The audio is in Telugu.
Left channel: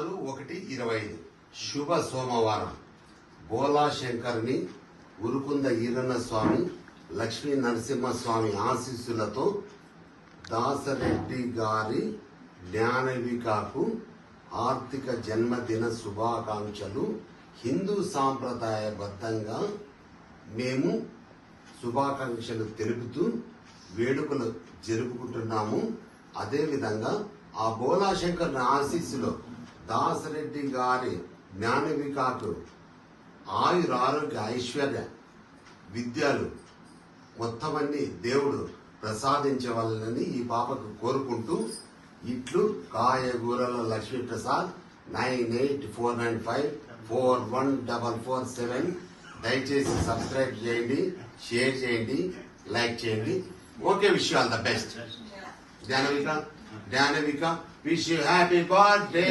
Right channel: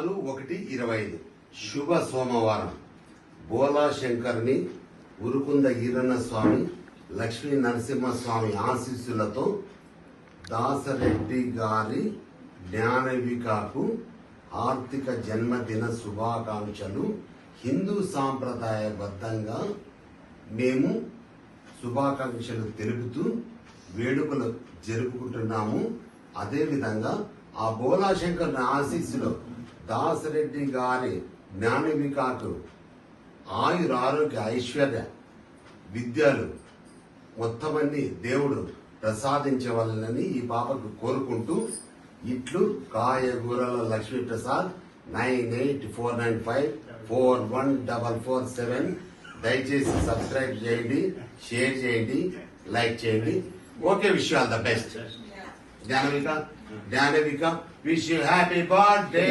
6/1/25 శుభ సోమవారం. బోలా శంకర్ని, ఉరుకుంద ఈరన్న స్వామి, లక్ష్మీ నరసింహస్వామి ఆశీస్సులతో దాసరెడ్డి గారి జ్ఞానవికకు ఆర్థిక జన్మదిన శుభాకాంక్షలు. హిందూ సాంప్రదాయబద్ధంగా మేము శుభాకాంక్షలు తెలుపుతూ వేడుకలు జరుపుకుంటున్నాము. అదేవిధంగా ఆ బోలాశంకర్ ఆశీస్సులో దాసరెడ్డి గారి జ్ఞానవికకు ఆయుర ఆరోగ్య ఐశ్వర్య విద్యలు మొత్తమన్నీ దేవుడు ప్రసాదించవాలని ఈ పాపకు కోరుకుంటూ ఇట్లు కాయగూరల లక్ష్మీ ప్రసాద్ 9849541447. దయచేసి సబ్స్క్రైబ్ చేయండి, షేర్ చేయండి, లైక్ చేయండి. Okay, wish you all the best. Gnanavika wish you happy birthday.